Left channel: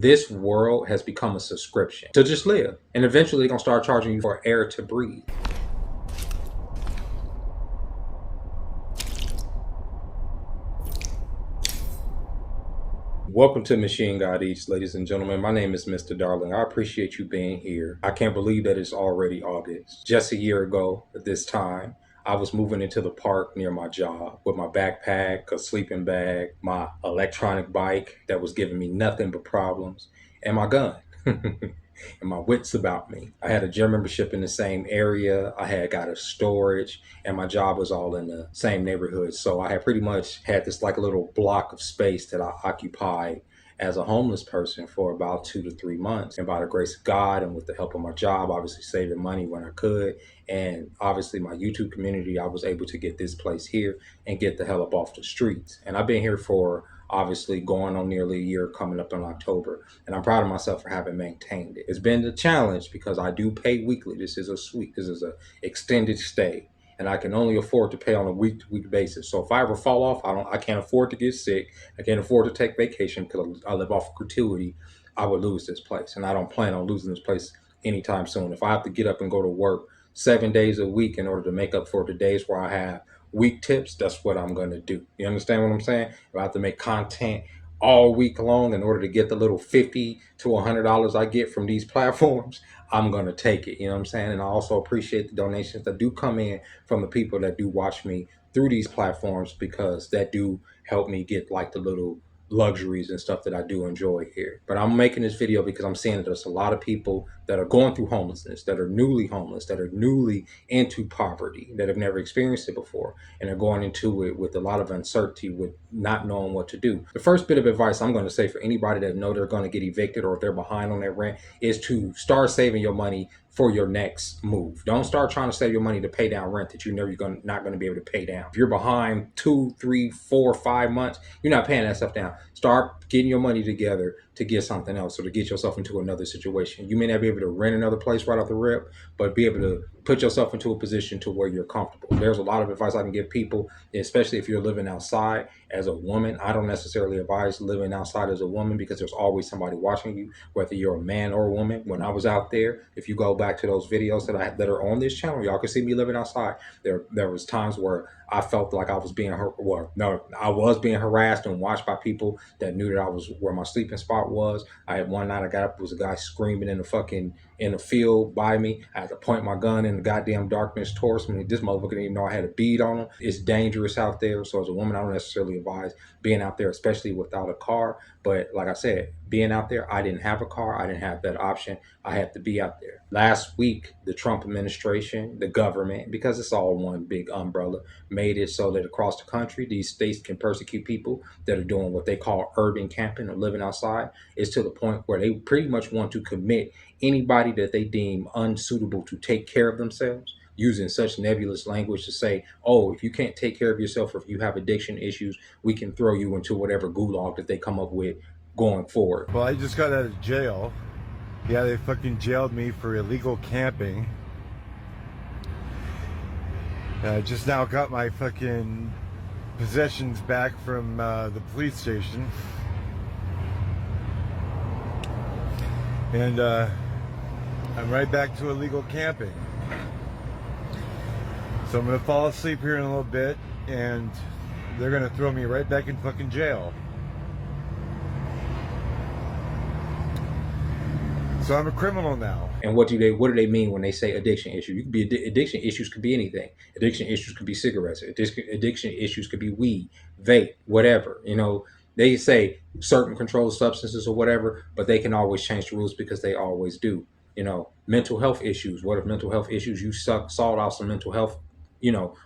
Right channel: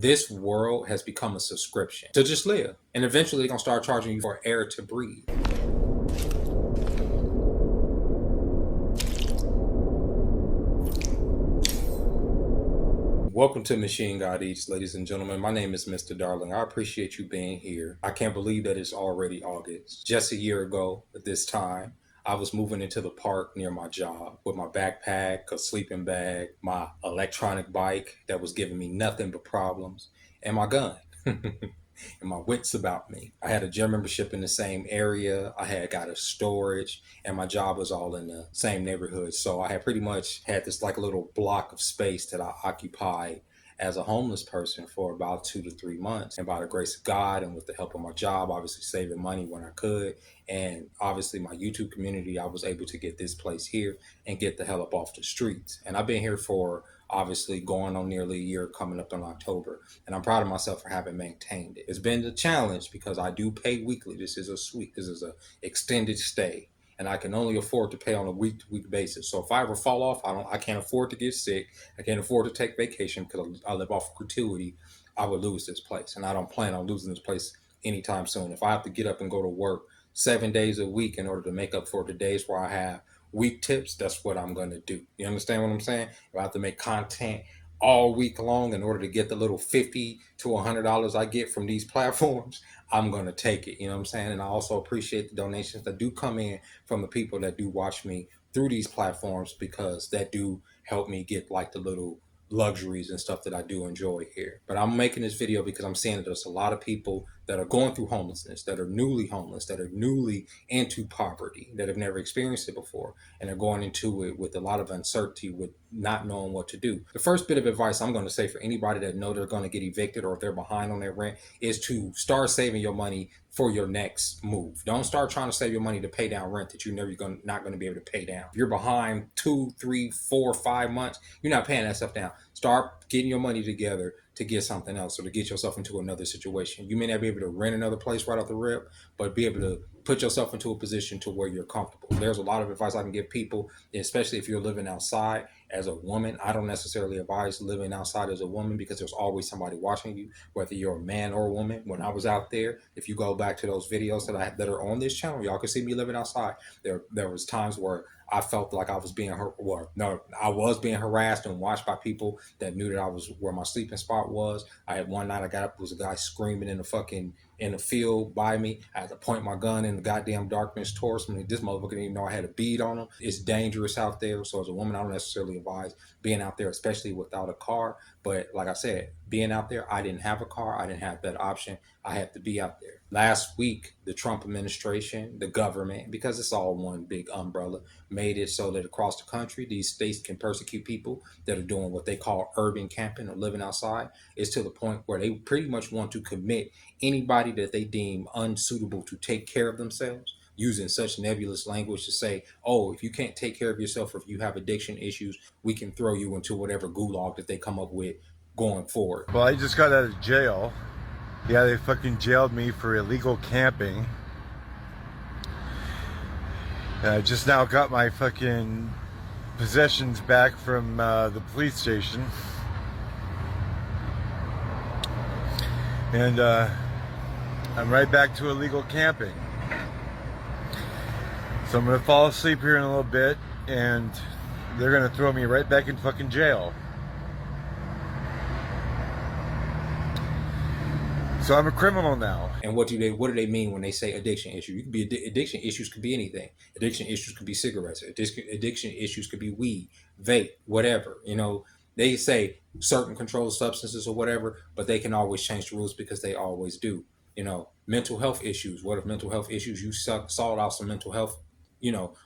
This world has become a subscription to just live. And eventually they're going to start charging you for air to breathe. Welcome to Machine God Eats, ladies and gentlemen. My name is Mr. Darling. I appreciate you being here. I can't believe that it's already August. Just a year ago at this time, I was moving into the park near my job with my backpack, a sleeping bag, my electronic bike that was giving me nothing but problems, and my gun. And my wits about me. I had a gym membership in the same area. I had got a storage, and my job was all in the same neighborhood. So I had pretty much had this like a little block of space that I occupied as a homeless person for about 2 to 3 months. And by the grace of God and with the help of my job, obviously saving money when I could, and obviously my YouTube community, I was able to get this place here and get the hell up off the streets. And I've been here for obviously going on nearly a year, coming up in October, and I'm proud of myself for having maintained it. It's been a challenge because I do pay weekly. This is a extended stay, and I can only afford to pay on a week-to-week basis. So if I ever fall off, I can't afford to get sick. I can't afford to take vacation because I live off gratuity. I would lose this place, and I don't plan on losing this place anytime soon. If I have to get up and go to work 7 days a week in order to make up for the days where I have week tips, that's what I'm going to do. You understand what I'm saying? If I have to make content all week long in order to get the little $50 to $100 I get from these platforms, I'm going to take it. You know what I'm saying? And I also appreciate the donations that do come in from the people that do watch me through these platforms, because that do help me get like the little luxuries and stuff that I do enjoy here. But I'm making this video because I'm seeing that there's a lot of people that are going through homelessness, that are newly homeless, that are newly into poverty, that have never experienced it before, and are going into it with a lot of uncertainty, with not knowing what to do. The first bit of advice I'm going to say for anybody that know they're going to get evicted or if they're behind on their rent is to start saving your money for your next move. Don't start trying to save your money to pay down rent that you know you're not going to be able to pay down. If you're behind 2, 3, 4, 5 months, you're not paying that stuff down. Start getting your money together to get something else or to get yourself into another situation. You may not be able to rent another place right off the rip, but be able to put yourself into a position to where you're comfortable. There's a lot of advice I can give people, especially if you're living outside as a woman. I don't necessarily advise living outside as a woman because there's always somebody watching you, whether you're a man or a woman. When I was out there, if you go back to those videos that are on this channel, y'all can see me living outside. There was times where I felt like I was being I was being harassed and watched by people that knew that I was where my sleeping spot was. I had one night I got up, there was a guy screaming in the field by me. I had to point my gun in the goddamn darkness towards me. This motherfucker didn't even know I had a bead on him. It's dangerous out there. So as a woman, I don't necessarily advise being out there, especially without a car. But like I said, being out there, I didn't have a car. I didn't have that option. I had to be out there. Last week, the Trump administration, the government, because it's all one big umbrella, made it so that across the country, these states can persecute people that are doing what they call urban camping or living outside. It's to the point where they pretty much want to commit anybody that they deem unsuitable to take care of themselves, using such nebulous language to say, oh, if you can't take care of yourself or if you have addiction issues, we can throw you into whatever gulag that they come up with going forward. Well, I just got out of jail. Yeah, they fucking jailed me for illegal camping. I just now got my fucking possessions back from the police station. And I'm right back to illegal camping. So I'm gonna fall asleep here in a little bit and they're gonna throw me right back in fucking jail. So I'm a criminal now. And what do they mean when they say addiction issue? You could be addiction issues could be anything. Addiction issues could be cigarettes. Addiction issues could be weed, vape, whatever. You know, they say certain controlled substances or whatever, but they can always change the rules because they always do. You know, mental health issues. What if mental health issues? You sought out some mental health,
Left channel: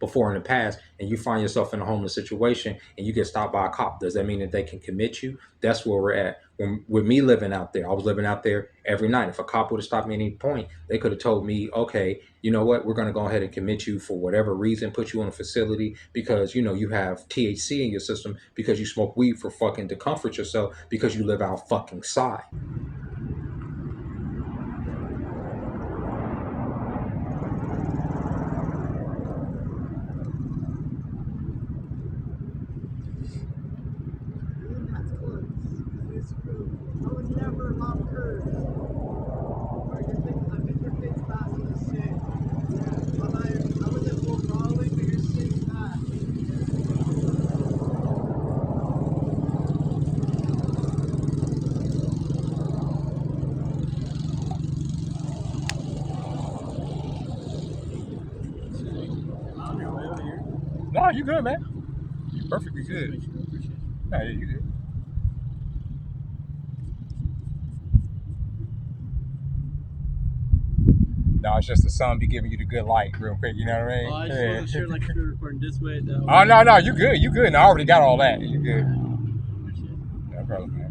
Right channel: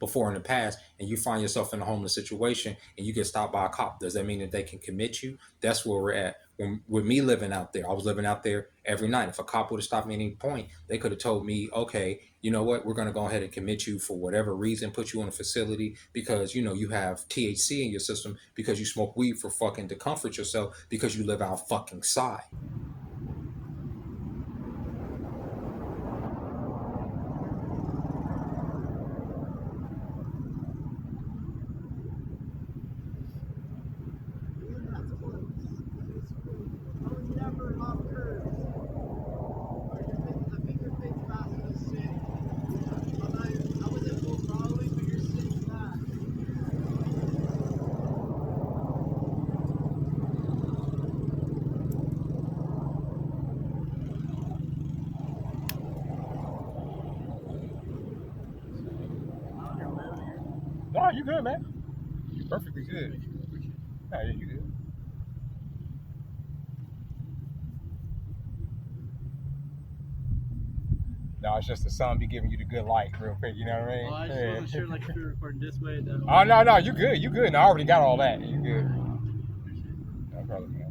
before in the past, and you find yourself in a homeless situation and you get stopped by a cop. Does that mean that they can commit you? That's where we're at. With me living out there, I was living out there every night. If a cop would have stopped me at any point, they could have told me, okay, you know what, we're going to go ahead and commit you for whatever reason, put you in a facility because, you have THC in your system because you smoke weed for fucking to comfort yourself because you live out fucking side. No, you good, man. You perfectly good. No, yeah, you good. No, it's just the sun be giving you the good light real quick, you know what I mean? Oh, I just wasn't sure, like, if we were recording this way, that way. Oh, no, you good, you good. No, I already got all that. You good. Appreciate it. No problem, man.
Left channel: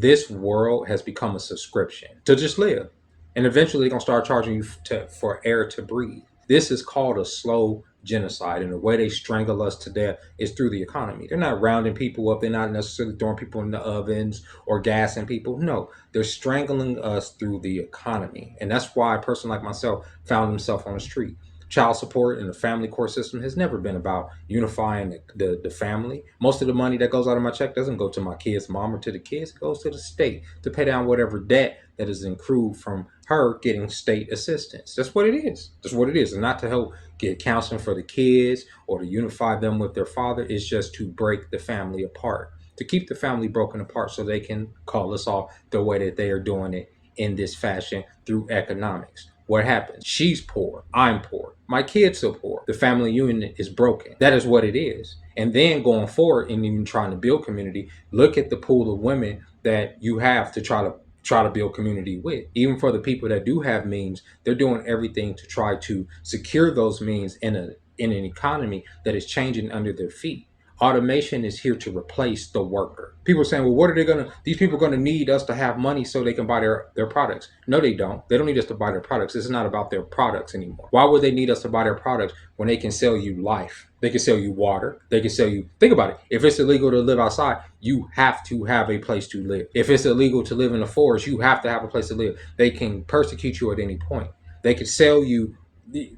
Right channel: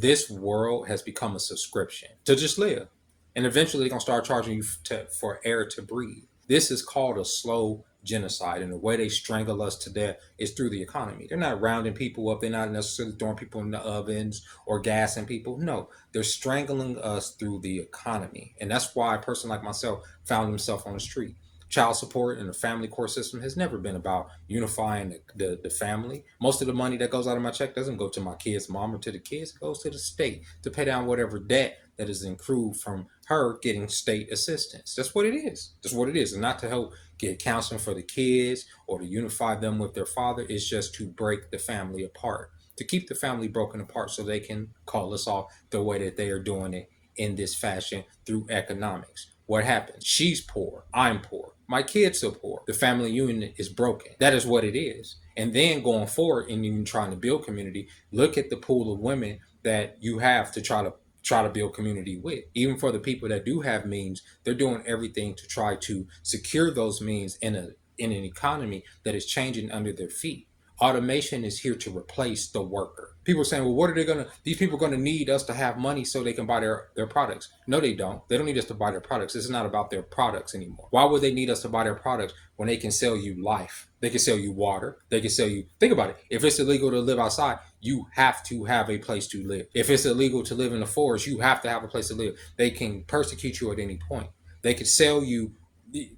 This world has become a subscription to just live. And eventually they're going to start charging you for air to breathe. This is called a slow genocide. And the way they strangle us to death is through the economy. They're not rounding people up. They're not necessarily throwing people in the ovens or gassing people. No, they're strangling us through the economy. And that's why a person like myself found himself on the street. Child support and the family court system has never been about unifying the family. Most of the money that goes out of my check doesn't go to my kid's mom or to the kids. It goes to the state to pay down whatever debt that is accrued from her getting state assistance. That's what it is. That's what it is. And not to help get counseling for the kids or to unify them with their father. It's just to break the family apart, to keep the family broken apart so they can call us off the way that they are doing it in this fashion through economics. What happens? She's poor. I'm poor. My kids are poor. The family unit is broken. That is what it is. And then going forward and even trying to build community, look at the pool of women that you have to try to build community with. Even for the people that do have means, they're doing everything to try to secure those means in an economy that is changing under their feet. Automation is here to replace the worker. People are saying, well, what are they these people are gonna need us to have money so they can buy their products. No, they don't. They don't need us to buy their products. This is not about their products anymore. Why would they need us to buy their products when they can sell you life? They can sell you water. They can sell you, think about it. If it's illegal to live outside, you have to have a place to live. If it's illegal to live in the forest, you have to have a place to live. They can persecute you at any point. They could sell you.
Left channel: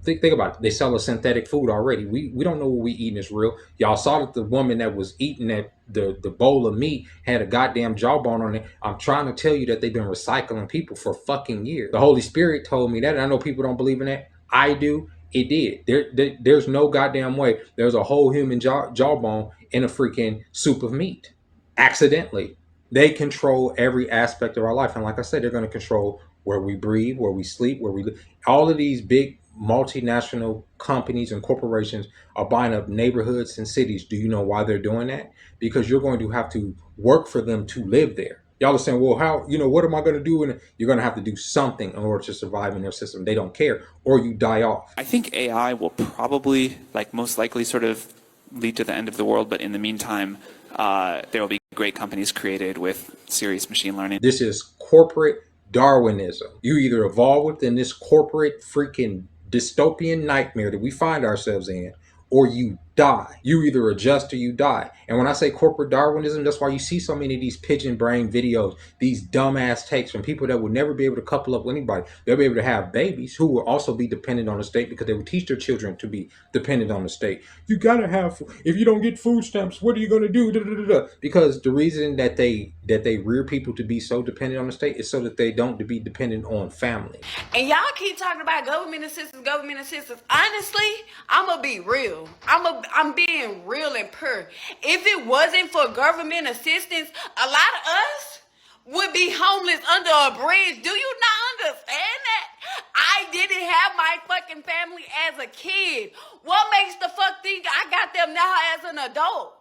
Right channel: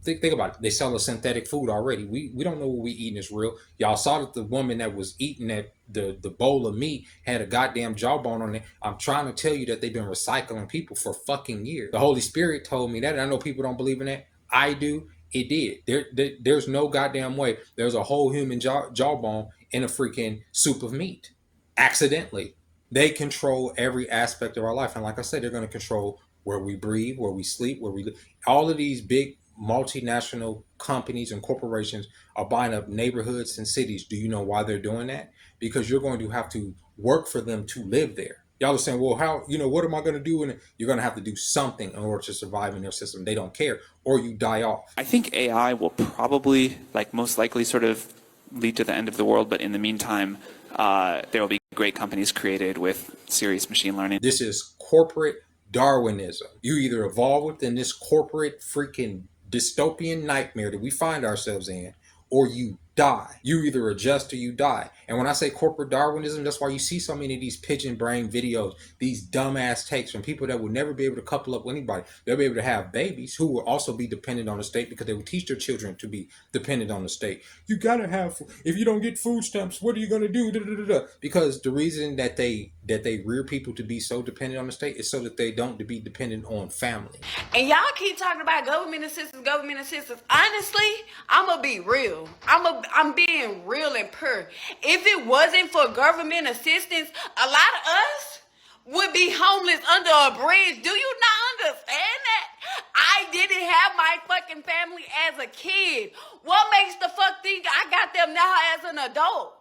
Think about it. They sell us synthetic food already. We don't know what we eating is real. Y'all saw that the woman that was eating that the bowl of meat had a goddamn jawbone on it. I'm trying to tell you that they've been recycling people for fucking years. The Holy Spirit told me that, and I know people don't believe in that. I do. It did. There's no goddamn way there's a whole human jawbone in a freaking soup of meat. Accidentally. They control every aspect of our life. And like I said, they're going to control where we breathe, where we sleep, where we live. All of these big multinational companies and corporations are buying up neighborhoods and cities. Do you know why they're doing that? Because you're going to have to work for them to live there. Y'all are saying, well, how, what am I going to do? And you're going to have to do something in order to survive in their system. They don't care, or you die off. I think AI will probably, most likely, sort of lead to the end of the world. But in the meantime, there will be great companies created with serious machine learning. This is corporate Darwinism. You either evolve within this corporate freaking dystopian nightmare that we find ourselves in, or you die. You either adjust or you die. And when I say corporate Darwinism, that's why you see so many of these pigeon brain videos, these dumbass takes from people that will never be able to couple up with anybody. They'll be able to have babies who will also be dependent on the state because they will teach their children to be dependent on the state. You gotta have, if you don't get food stamps, what are you gonna do? Da, da, da, da. Because the reason that they rear people to be so dependent on the state is so that they don't be dependent on family. And y'all keep talking about government assistance. Honestly, I'm gonna be real. I'm being real and pure. If it wasn't for government assistance, a lot of us would be homeless under a bridge. Do you not understand that? I didn't have my fucking family as a kid. What makes the fuck think I got them now as an adult?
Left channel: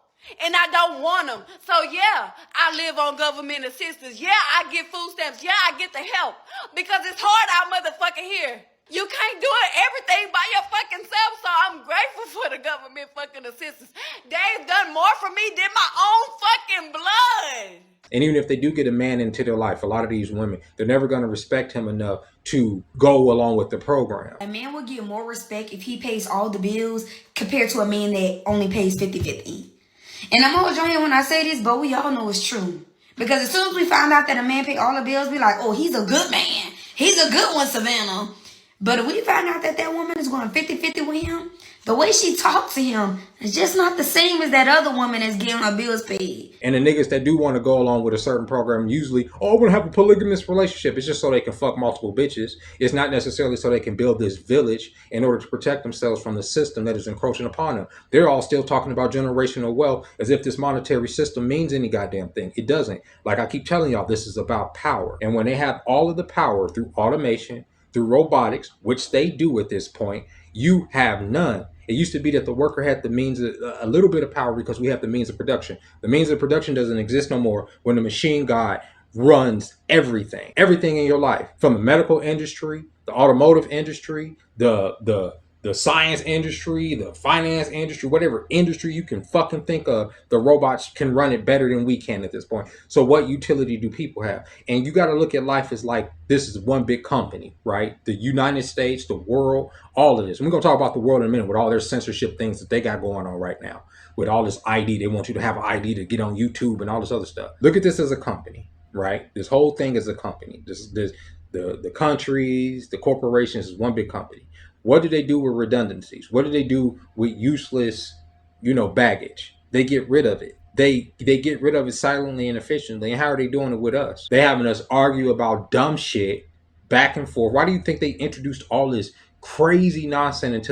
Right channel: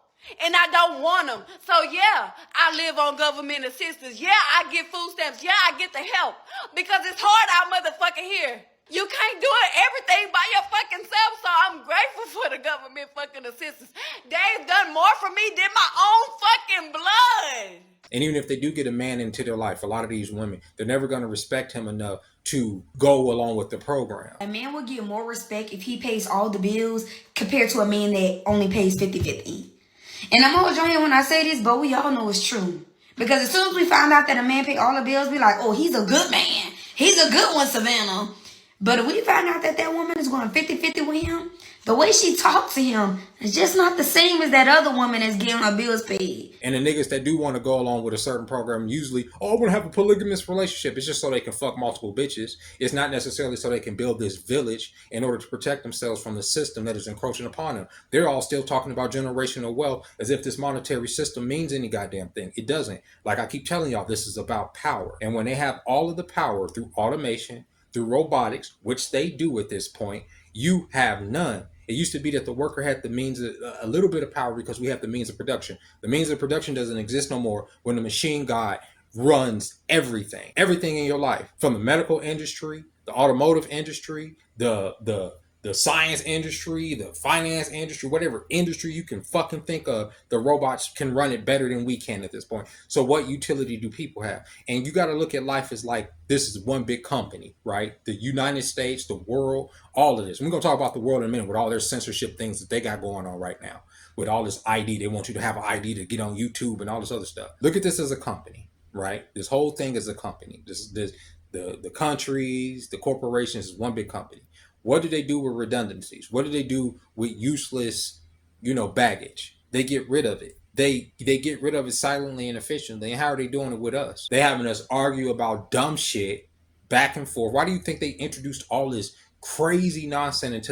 And I don't want them. So yeah, I live on government assistance. Yeah, I get food stamps. Yeah, I get the help. Because it's hard out motherfucking here. You can't do everything by your fucking self, so I'm grateful for the government fucking assistance. They've done more for me than my own fucking blood. And even if they do get a man into their life, a lot of these women, they're never going to respect him enough to go along with the program. A man will get more respect if he pays all the bills compared to a man that only pays 50-50. And I'm always on here when I say this, but we all know it's true. Because as soon as we find out that a man pay all the bills, we like, oh, he's a good man. He's a good one, Savannah. But if we find out that that woman is going 50-50 with him, the way she talks to him is just not the same as that other woman that's getting her bills paid. And the niggas that do want to go along with a certain program usually, oh, I want to have a polygamous relationship. It's just so they can fuck multiple bitches. It's not necessarily so they can build this village in order to protect themselves from the system that is encroaching upon them. They're all still talking about generational wealth as if this monetary system means any goddamn thing. It doesn't. Like I keep telling y'all, this is about power. And when they have all of the power through automation, through robotics, which they do at this point, you have none. It used to be that the worker had the means of a little bit of power because we have the means of production. The means of production doesn't exist no more when the machine god runs everything in your life, from the medical industry, the automotive industry, the science industry, the finance industry, whatever industry you can fucking think of, the robots can run it better than we can at this point. So what utility do people have? And you got to look at life as like, this is one big company, right? The United States, the world, all of this. We're going to talk about the world in a minute with all their censorship things that they got going on right now. With all this ID, they want you to have an ID to get on YouTube and all this other stuff. Look at this as a company, right? This whole thing is a company. The countries, the corporations is one big company. What do they do with redundancies? What do they do with useless, baggage? They get rid of it. They get rid of it silently and efficiently. And how are they doing it with us? They having us argue about dumb shit back and forth. Why do you think they introduced all this crazy nonsense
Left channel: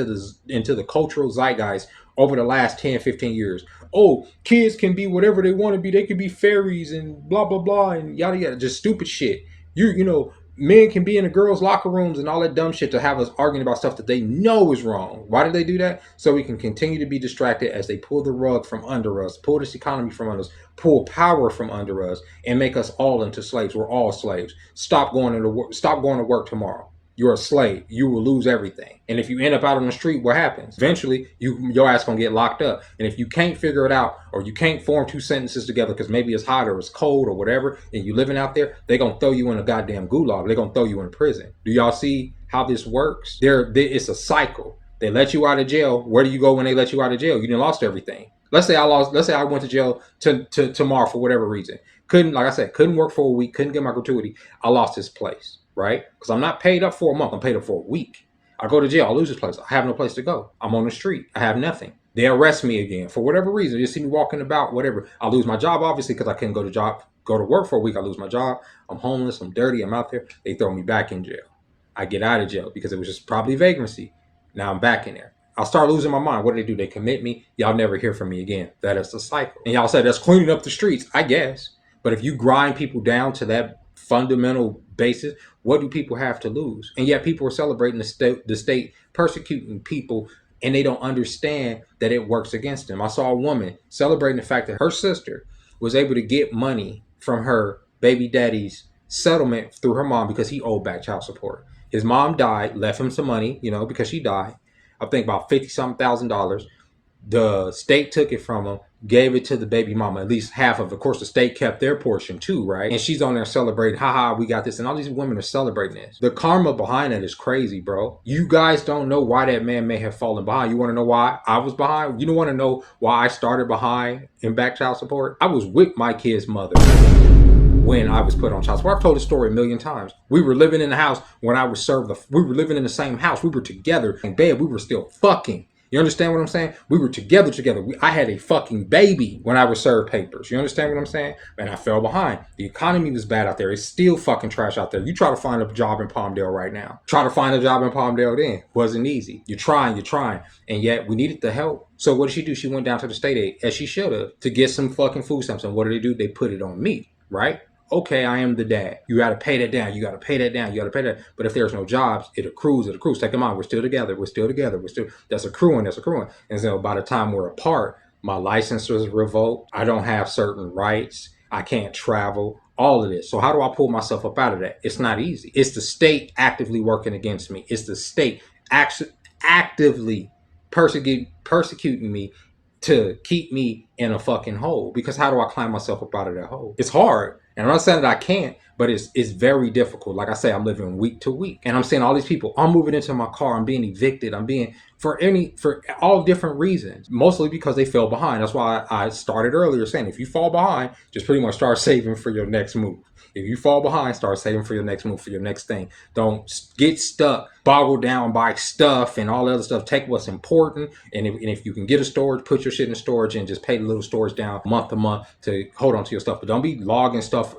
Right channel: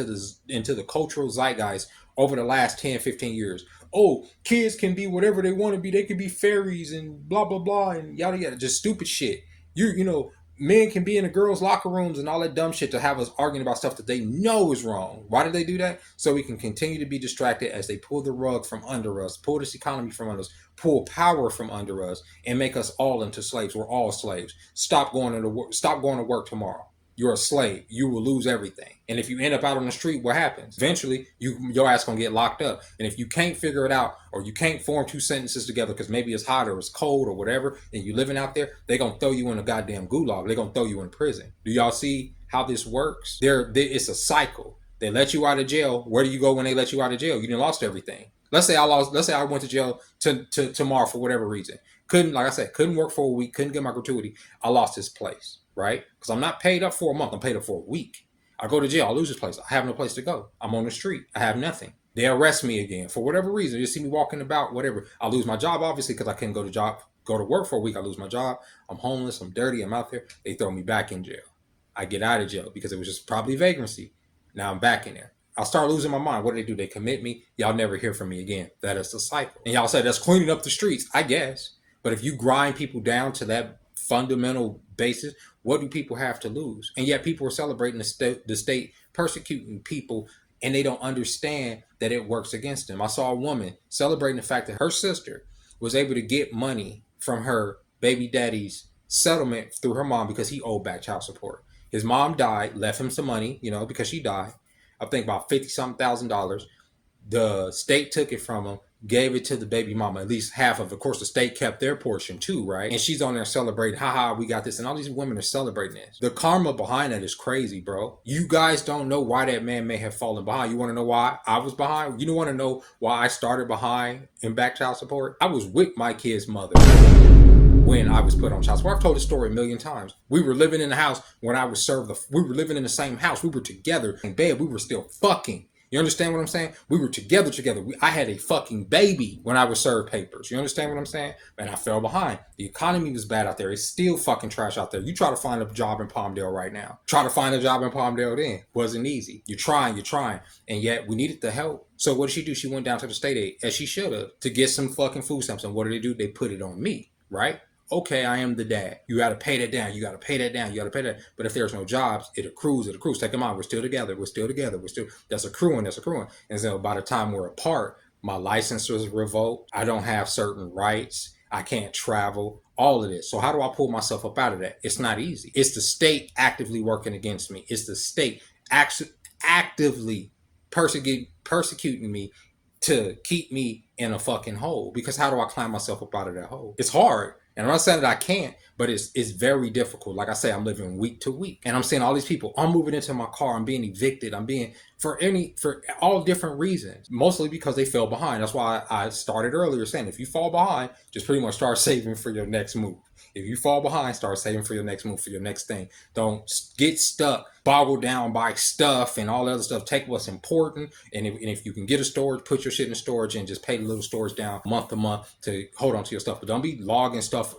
into the cultural zeitgeist over the last 10, 15 years? Oh, kids can be whatever they want to be. They can be fairies and blah, blah, blah, and yada, yada. Just stupid shit. Men can be in the girls' locker rooms and all that dumb shit to have us arguing about stuff that they know is wrong. Why do they do that? So we can continue to be distracted as they pull the rug from under us, pull this economy from under us, pull power from under us, and make us all into slaves. We're all slaves. Stop going to work tomorrow. You're a slave. You will lose everything. And if you end up out on the street, what happens? Eventually, your ass gonna get locked up. And if you can't figure it out, or you can't form two sentences together because maybe it's hot or it's cold or whatever, and you living out there, they gonna throw you in a goddamn gulag. They gonna throw you in prison. Do y'all see how this works? It's a cycle. They let you out of jail. Where do you go when they let you out of jail? You done lost everything. Let's say I went to jail tomorrow for whatever reason. Couldn't work for a week, couldn't get my gratuity. I lost this place, right? Because I'm not paid up for a month, I'm paid up for a week. I go to jail, I lose this place. I have no place to go. I'm on the street. I have nothing. They arrest me again for whatever reason. You see me walking about, whatever. I lose my job, obviously, because I couldn't go to work for a week. I lose my job. I'm homeless. I'm dirty. I'm out there. They throw me back in jail. I get out of jail because it was just probably vagrancy. Now I'm back in there. I'll start losing my mind. What do? They commit me. Y'all never hear from me again. That is the cycle. And y'all said that's cleaning up the streets. I guess. But if you grind people down to that fundamental basis, what do people have to lose? And yet people are celebrating the state persecuting people, and they don't understand that it works against them. I saw a woman celebrating the fact that her sister was able to get money from her baby daddy's settlement through her mom because he owed back child support. His mom died, left him some money, because she died. I think about $50,000. The state took it from him, gave it to the baby mama, at least half of it. Of course, the state kept their portion too, right? And she's on there celebrating, haha, we got this. And all these women are celebrating this. The karma behind that is crazy, bro. You guys don't know why that man may have fallen behind. You want to know why I was behind? You don't want to know why I started behind in back child support? I was with my kid's mother when I was put on child support. I've told this story a million times. We were living in the house when I was served. We were living in the same house. We were together in bed. We were still fucking. You understand what I'm saying? We were together. I had a fucking baby when I was served papers. You understand what I'm saying? And I fell behind. The economy was bad out there. It's still fucking trash out there. You try to find a job in Palmdale right now. Try to find a job in Palmdale then. Wasn't easy. You're trying. And yet we needed the help. So what did she do? She went down to the state aid, as she should have, to get some fucking food stamps. And what do? They put it on me, right? Okay, I am the dad. You got to pay that down. You got to pay that down. You got to pay that. But if there's no jobs, it accrues. Take them out. We're still together. That's accruing. And so by the time we're apart, my license was revoked. I don't have certain rights. I can't travel. All of this. So how do I pull myself up out of that? It's not easy. It's the state actively working against me. It's the state actively persecuting me to keep me in a fucking hole. Because how do I climb myself up out of that hole? It's hard. And I'm not saying that I can't, but it's very difficult. Like I say, I'm living week to week. And I'm seeing all these people. I'm moving into my car. I'm being evicted. I'm being for all different reasons. Mostly because they fell behind. That's why I started earlier saying if you fall behind, just pretty much start saving for your next move. If you fall behind, start saving for your next move, for your next thing. Don't get stuck, boggled down by stuff and all the other stuff. Take what's important, and if you can get a storage, put your shit in storage and just pay the little storage down month to month to hold on to your stuff. But don't be logging stuff,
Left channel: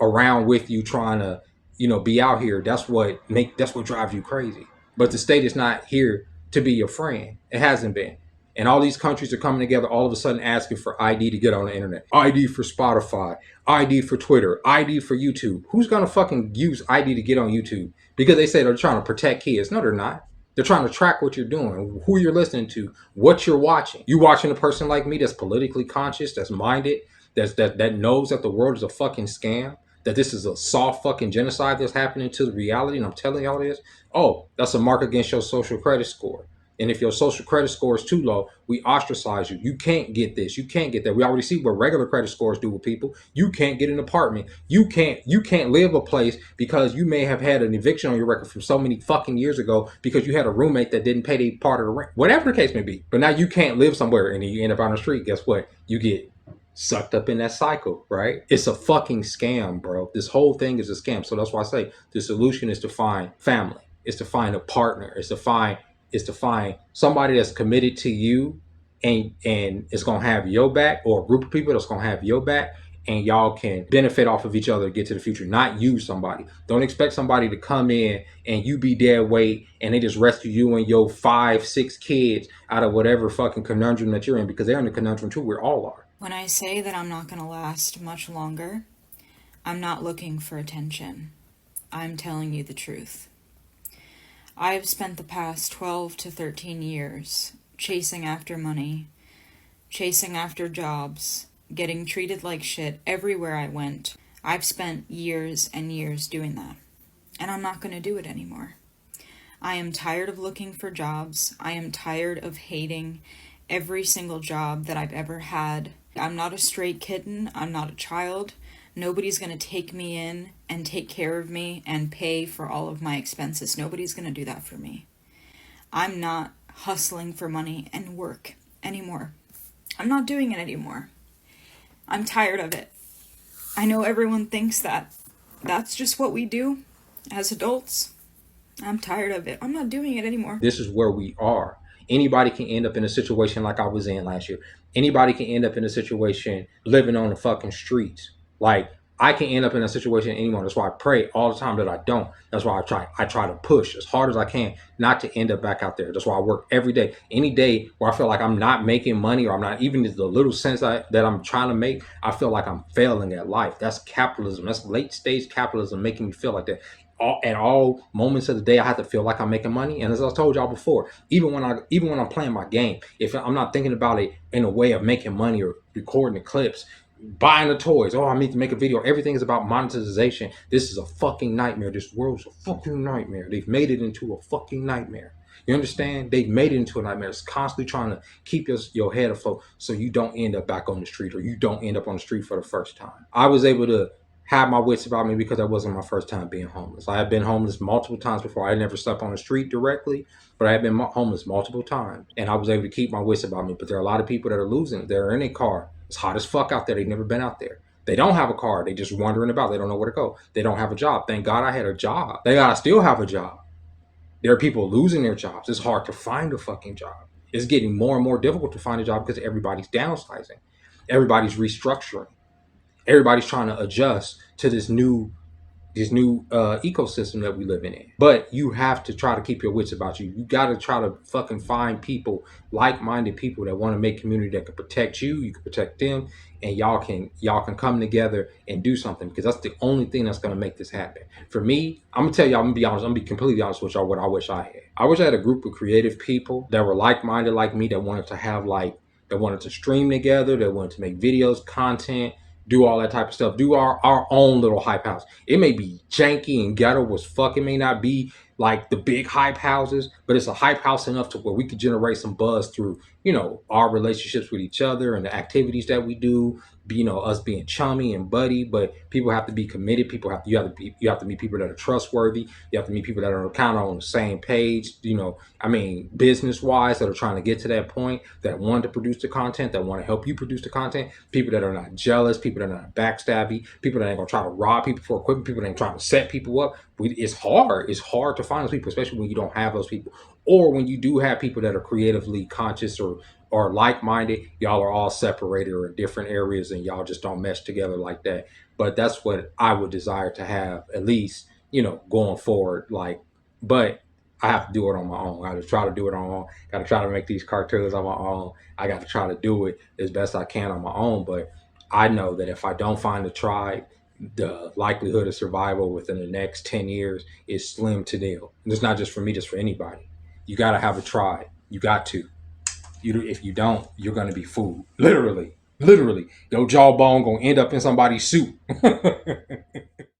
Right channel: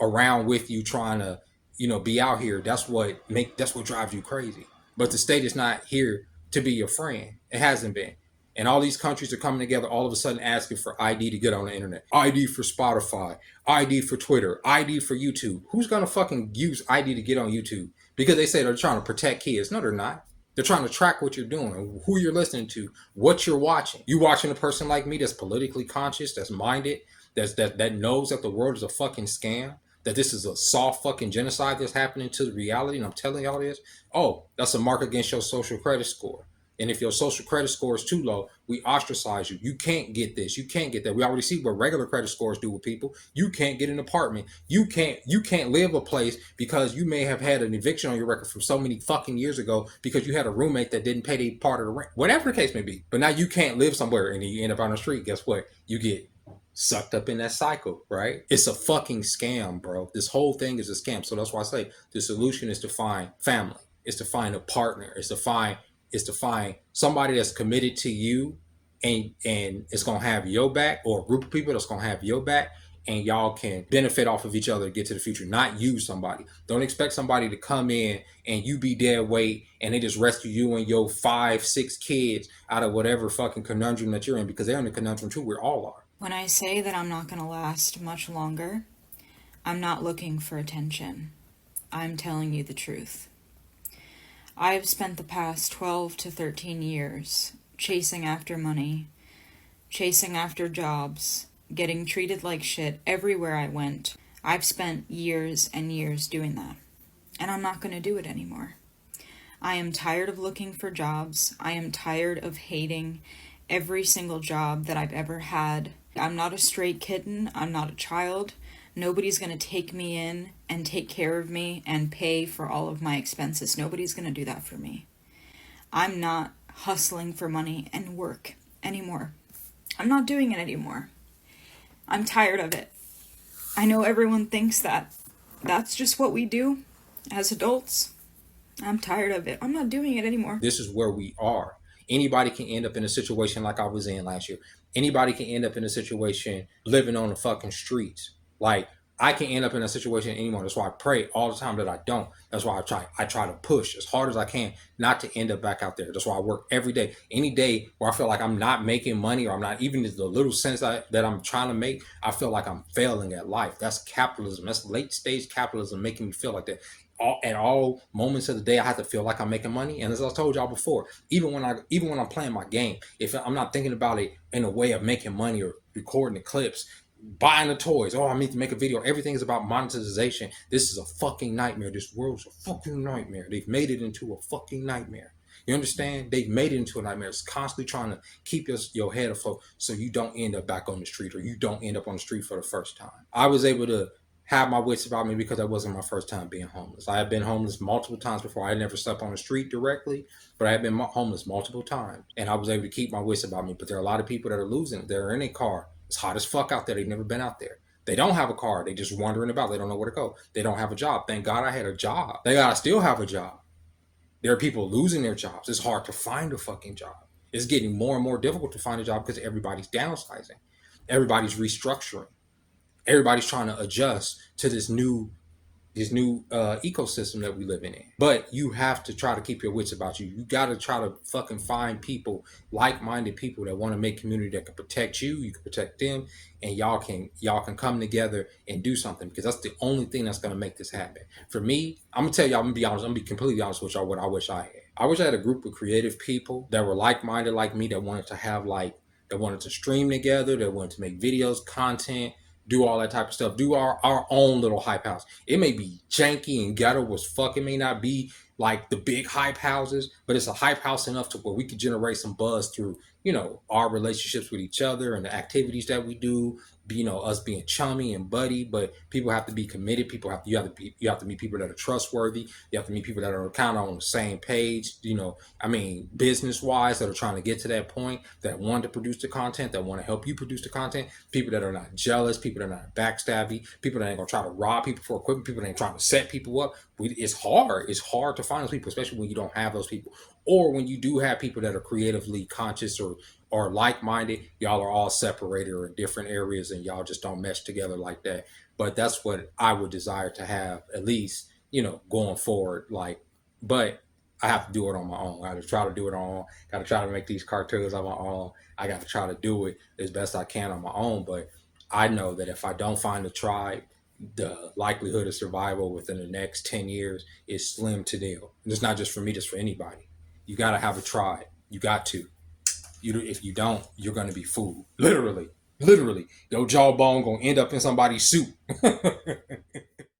around with you trying to, be out here. That's what drives you crazy. But the state is not here to be your friend. It hasn't been. And all these countries are coming together all of a sudden asking for ID to get on the internet. ID for Spotify, ID for Twitter, ID for YouTube. Who's going to fucking use ID to get on YouTube? Because they say they're trying to protect kids. No, they're not. They're trying to track what you're doing, who you're listening to, what you're watching. You watching a person like me that's politically conscious, that's minded, that knows that the world is a fucking scam, that this is a soft fucking genocide that's happening to reality, and I'm telling y'all this. Oh, that's a mark against your social credit score. And if your social credit score is too low, we ostracize you. You can't get this. You can't get that. We already see what regular credit scores do with people. You can't get an apartment. You can't live a place because you may have had an eviction on your record from so many fucking years ago because you had a roommate that didn't pay their part of the rent. Whatever the case may be. But now you can't live somewhere and then you end up on the street. Guess what? You get sucked up in that cycle, right? It's a fucking scam, bro. This whole thing is a scam. So that's why I say the solution is to find family. It's to find a partner. It's to find somebody that's committed to you and it's gonna have your back, or a group of people that's gonna have your back, and y'all can benefit off of each other to get to the future, not use somebody. Don't expect somebody to come in and you be dead weight and they just rescue you and your 5-6 kids out of whatever fucking conundrum that you're in, because they're in the conundrum too. We all are. When I say that I'm not going to last much longer, I'm not looking for attention. I'm telling you the truth. I've spent the past 12 to 13 years chasing after money, chasing after jobs, getting treated like shit everywhere I went. I've spent years and years doing that, and I'm not going to do it anymore. I am tired of looking for jobs. I am tired of hating every single job that I've ever had. I'm not a stray kitten. I'm not a child. Nobody's going to take me in and take care of me and pay for all of my expenses. Nobody's going to do that for me. I'm not hustling for money and work anymore. I'm not doing it anymore. I'm tired of it. I know everyone thinks that that's just what we do as adults. I'm tired of it. I'm not doing it anymore. This is where we are. Anybody can end up in a situation like I was in last year. Anybody can end up in a situation living on the fucking streets. Like, I can end up in a situation anymore. That's why I pray all the time that I don't. That's why I try to push as hard as I can not to end up back out there. That's why I work every day. Any day where I feel like I'm not making money, or I'm not even the little sense that I'm trying to make, I feel like I'm failing at life. That's capitalism. That's late stage capitalism making me feel like that. At all moments of the day, I have to feel like I'm making money. And as I told y'all before, even when I'm playing my game, if I'm not thinking about it in a way of making money or recording the clips, buying the toys, I need to make a video, everything is about monetization. This is a fucking nightmare. This world's a fucking nightmare. They've made it into a fucking nightmare. You understand? They've made it into a nightmare. It's constantly trying to keep your head afloat so you don't end up back on the street, or you don't end up on the street for the first time. I was able to have my wits about me because that wasn't my first time being homeless. I had been homeless multiple times before. I never slept on the street directly, but I had been homeless multiple times, and I was able to keep my wits about me. But there are a lot of people that are losing it. They're in a car. It's hot as fuck out there. They've never been out there. They don't have a car. They just wandering about. They don't know where to go. They don't have a job. Thank God I had a job. They gotta still have a job. There are people losing their jobs. It's hard to find a fucking job. It's getting more and more difficult to find a job because everybody's downsizing. Everybody's restructuring. Everybody's trying to adjust to this new ecosystem that we live in. But you have to try to keep your wits about you. You got to try to fucking find people, like-minded people that want to make community that can protect you. You can protect them, and y'all can come together and do something, because that's the only thing that's going to make this happen. For me, I'm gonna tell y'all, I'm gonna be honest. I'm gonna be completely honest with y'all. What I wish I had. I wish I had a group of creative people that were like-minded like me, that wanted to stream together, that wanted to make videos, content, do all that type of stuff, do our own little hype house. It may be janky and ghetto as fuck. It may not be like the big hype houses, but it's a hype house enough to where we could generate some buzz through, our relationships with each other and the activities that we do, us being chummy and buddy, but people have to be committed. You have to meet people that are trustworthy. You have to meet people that are kind of on the same page, business wise, that are trying to get to that point, that want to produce the content, that want to help you produce the content, people that are not jealous, people that are not backstabby, people that ain't gonna try to rob people for equipment, people that ain't trying to set people up. It's hard to find those people, especially when you don't have those people, or when you do have people that are creatively conscious or like-minded. Y'all are all separated or in different areas, and y'all just don't mesh together like that. But that's what I would desire to have, at least, going forward. But I have to do it on my own. I have to try to do it on my own. Got to try to make these cartoons on my own. I got to try to do it as best I can on my own. But I know that if I don't find a tribe, the likelihood of survival within the next 10 years is slim to nil. And it's not just for me, just for anybody. You got to have a tribe. You got to. If you don't, you're going to be fooled. Literally. Your jawbone going to end up in somebody's soup.